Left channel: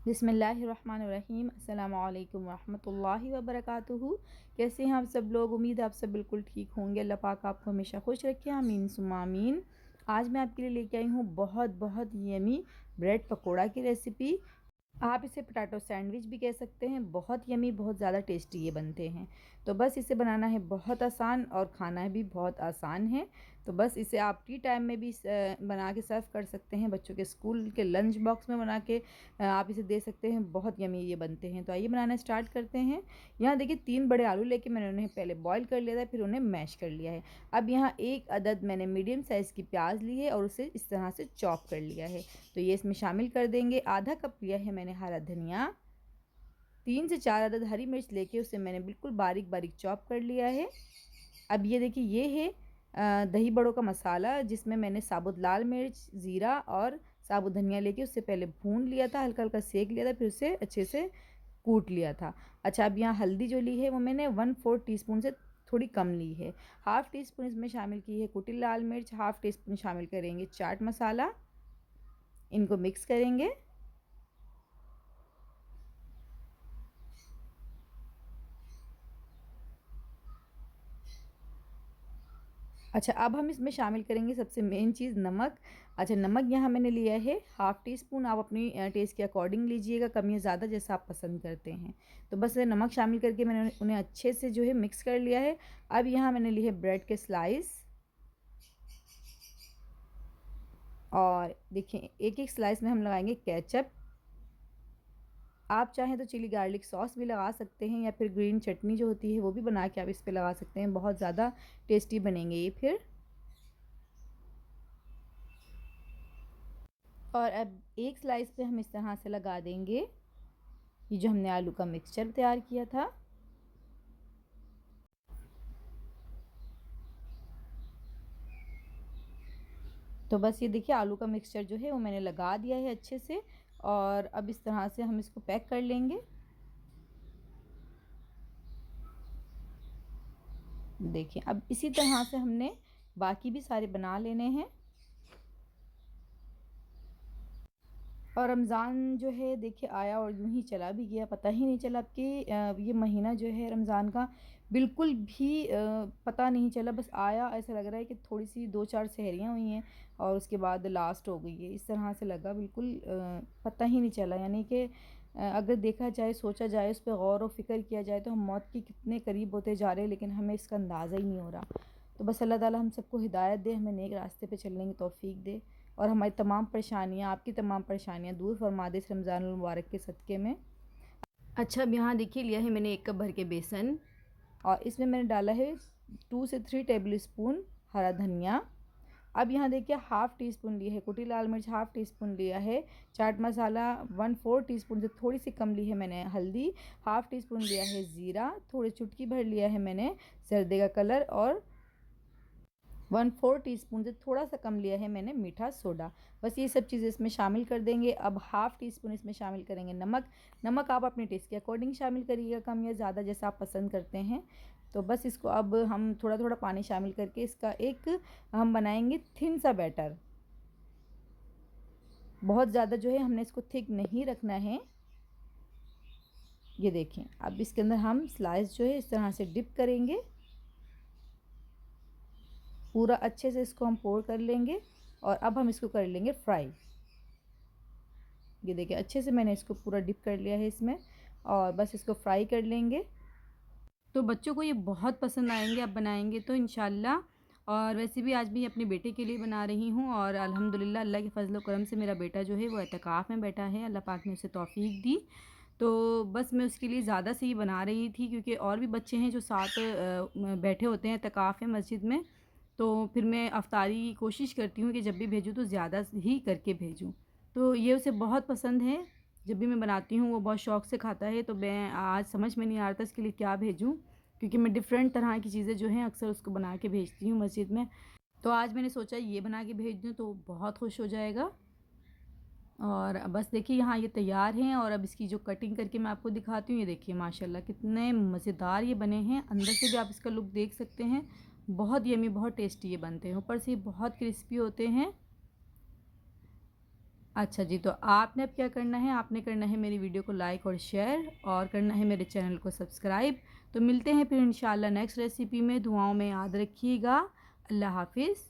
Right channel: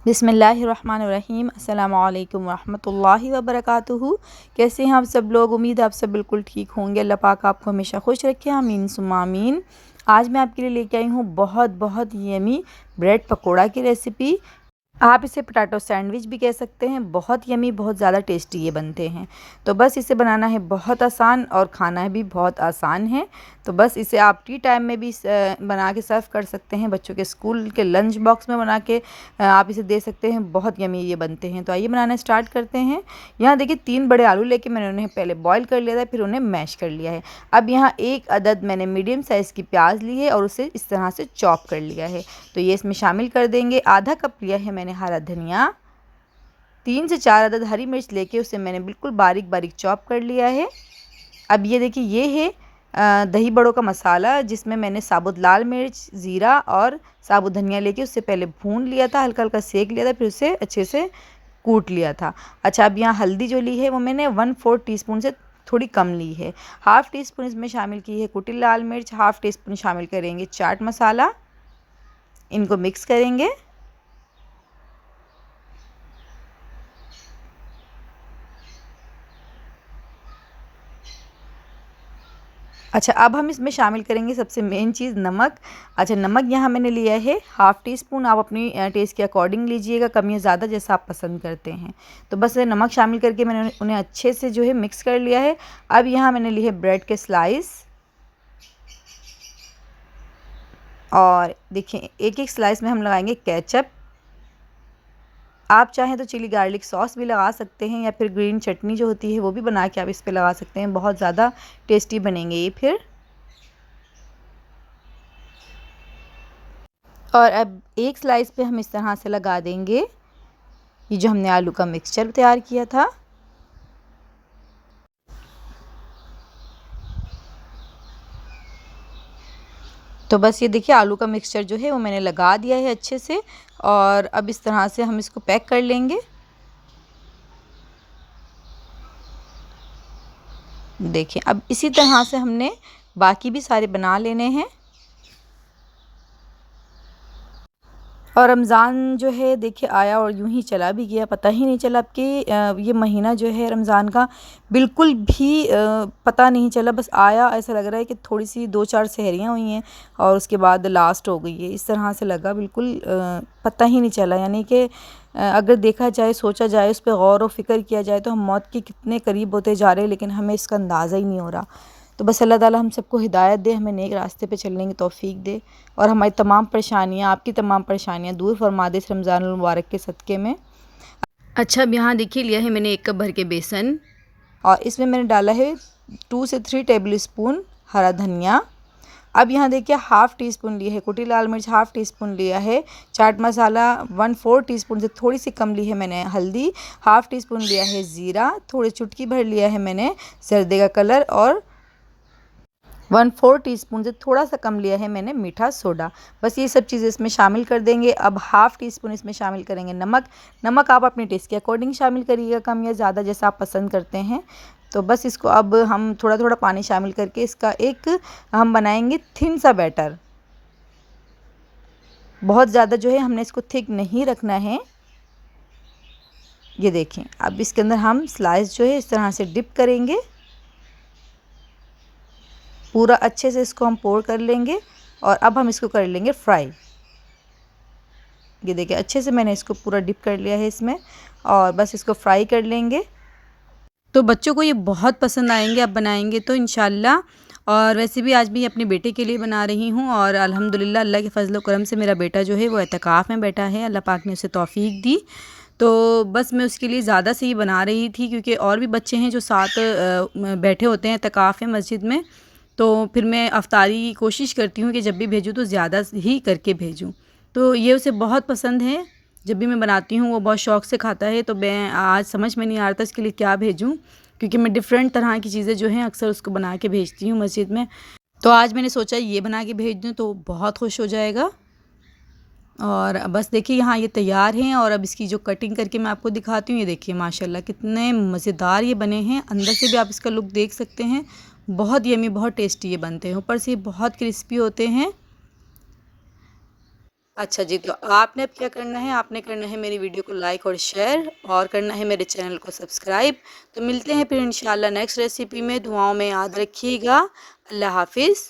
बिस्मिल्लाहिर्रहमानिर्रहीम। अस्सलामु अलैकुम वरहमतुल्लाहि वबरकातुहू। कैसे हैं आप सब लोग? उम्मीद है आप सब बिल्कुल ठीक होंगे। अल्लाह पाक आपको हमेशा खुश रखे, आमीन सुम्मा आमीन। आज मैं आपके लिए लेके आई हूँ बहुत बहुत यमी ब्रेड पकोड़ा की रेसिपी। आप इसे पोटैटो सैंडविच भी कह सकते हैं। बहुत यमी, बहुत ज़्यादा टेस्टी ये बनते हैं। तो बस इसे बनाना है बहुत आसान और खाना भी बहुत आसान है। तो बस इसे आप टी टाइम में भी बना के सर्व कर सकते हैं। बच्चों के स्कूल के लंच बॉक्स में बना के आप इसे दे सकते हैं। बहुत यमी ये बनते हैं। तो आइए बनाना स्टार्ट करते हैं। यहाँ देखिए 3 बड़े आलू लेके मैंने उन्हें पहले बॉईल कर लिया था, फिर उन्हें मैश कर लिया है। अब यहाँ 1 अदद मैंने मीडियम साइज़ की प्याज ली है और उसे इस तरह से चॉप कर लिया है। तो ये इसमें शामिल कर देंगे। आधा कप लिया है मैंने हरा धनिया। 3 से 4 अदद हरी मिर्च लेके उसे मैंने बिल्कुल बारीक बारीक चॉप कर लिया है। अब ये देखिए ये है दही बड़ों का मसाला, जिसमें मैंने साबुत लाल मिर्च, ज़ीरा और साबुत धनिया लेके उससे पहले भून लिया था, हल्का हल्का सेक लिया था, फिर उसे अच्छे से कूट लिया था। अच्छा, अब यहाँ हल्दी जो ली है वो मैंने 1/4 टीस्पून से थोड़ी कम ली है। हाफ़ टी स्पून इसमें शामिल की है कुटी लाल मिर्च, हाफ़ टी स्पून शामिल करेंगे चाट मसाला। इनको मिक्स करेंगे। अच्छा, अब हम इसमें शामिल करेंगे सबसे मेन चीज़ नमक। अच्छा, नमक यहाँ मैंने लिया है हाफ़ टी स्पून। आप अपनी टेस्ट के अकॉर्डिंग लीजिएगा, कम या ज़्यादा जैसा आप पसंद करते हैं। तो बस नमक शामिल करके मैंने उन्हें अच्छे से जो है मिक्स कर लिया है। अब यहाँ मैंने लिए है ब्रेड के स्लाइस, और देखिए एक एक स्लाइस में हम लगाएंगे केचप। आप चाहें तो चिली गार्लिक सॉस भी लगा सकते हैं, या फिर ग्रीन चटनी जो होती है वो भी बना के आप इस पे लगा सकते हैं। बहुत ज़्यादा टेस्टी बनेंगे ये फिर। और अब एक स्लाइस पे हम इस तरह से लगा देंगे ये जो हमने आलू का मिक्सचर तैयार किया था। तो बस ये देखिए आलू का मिक्सचर जो है वो मैंने लगा दिया है अच्छे से, और अब इस तरह से हम इसको पैक कर लेंगे। देखिए अब इसी तरह से हमने बाकी भी सारे बना लेने हैं। और रमज़ान जो है देखिए आया और यूं ही चला भी गया, पता ही नहीं चला। अब कि ये महीना जो है रमज़ान का बिल्कुल भी पता नहीं चला। बस आया, ऐसा लग रहा है कि थोड़ी सी 2-4 सहरियाँ हुई हैं और उसके बाद लास्ट हो गई है, इस तरह से लगा। बिल्कुल पता ही नहीं चला। यानी कि अगर देखा जाए, सोचा जाए, उस पर गौर व फ़िक्र किया जाए तो हम मौत के कितने करीब होते जा रहे हैं, लेकिन हमें इसका अंदाज़ा ही नहीं हो रहा। तो बस अल्लाह ताला हम सबको हिदायत दे, हमें नेक रास्ते पे चलने की तौफ़ीक दे, और हमारी तमाम परेशानियाँ, आपकी तमाम परेशानियाँ दूर फरमा दे इस रमज़ानुल मुबारक के सदक़े में। अच्छा, अब यहाँ देखिए लिया है मैंने 1 कप भर के बेसन, और इसमें मैंने डाला है 2 से 3 टेबल स्पून हरा धनिया। अब यहाँ देखिए हाफ़ टी स्पून लिया है कुटी लाल मिर्च, हाफ़ टी स्पून लिया है चाट मसाला, 1/4 टीस्पून से थोड़ी सी कम ली है मैंने हल्दी, हाफ़ टी स्पून लिया है ज़ीरा, थोड़ी चुटकी भर लिया है मैंने जर्दे का कलर, और 1/4 टीस्पून से थोड़ा सा कम लिया है मैंने मीठा सोडा। बस ये सब चीज़ें इसमें शामिल कर देंगे। अब हाफ़ टी स्पून इसमें शामिल करेंगे नमक। नमक आप अपने टेस्ट के अकॉर्डिंग शामिल करिएगा, कम या ज़्यादा जैसा आप पसंद करते हैं। तो बस इसको अब हम थोड़ा थोड़ा पानी शामिल करके इसका एक हम बनाएंगे थिन सा बैटर। बहुत ज़्यादा जो है हमने इसको थिक नहीं रखना है। ये देखें, अब इसके अंदर हम स्लाइस जो है इस तरह से डिप करेंगे। पूरा अच्छे से इसको हम पोर कर लेंगे, और अब हम इसको कर लेंगे फ्राई। ये देखिए अच्छे से मैंने इसको पूरा डिप कर लिया है इसमें, और बस इसको फ्राई कर लेंगे। तो बच्चों को ये बहुत पसंद आएंगे आप बनाएंगे तो इंशाल्लाह। और वैसे भी आज भी अपने बेटे के लिए बना रही हूँ, और अल्हम्दुलिल्लाह अल्लाह के फजल व करम से मेरा बेटा जो है वो एतकाफ़ में बैठा है। अल्लाह पाक ने उसे तौफ़ीक दी, तो बस मैं उसके लिए ज़्यादा से ही बना रही थी, क्योंकि और भी बच्चे हैं जो साथ बैठे होते हैं एतकाफ़ में मस्जिद में। तो फिर मैं अफ्तारी की कोशिश करती हूँ कि जब भी भेजूँ तो ज़्यादा ही करके भेजूँ। तो ये उसे बहुत पसंद है। जब भी मैं बनाती हूँ वो बहुत शौक़ से खाता है। तो मैं आज समझ में नहीं आ रहा था इसके लिए क्या भेजूँ, क्योंकि मैं डिफ़रेंट तरह की चीज़ें जो हैं अक्सर उसको बना के भेजती हूँ मस्जिद में। तो आज मैंने सोचा ये बना के भेज दूँ तो बहुत खुश हो जाएगा। और बस देखिए यहाँ ये तैयार हैं, और अब इसकी जो कटिंग करके मैं आपको दिखाती हूँ। ये देखिए माशाल्लाह कितने मज़ेदार ये बने हैं। अंदर से भी आप इसका लुक देख सकते हैं। बहुत यमी, बहुत टेस्टी ये बनते हैं। ऊपर से बहुत क्रिस्पी होते हैं। अच्छा जी, तो आपने अब क्या करना है, आपने करना है मेरी वीडियो को लाइक और शेयर और करना है मेरे चैनल को सब्सक्राइब। तो मिलते हैं फिर इंशाल्लाह नेक्स्ट रेसिपी में। दुआओं में याद रखिएगा। अल्लाह हाफ़िज़।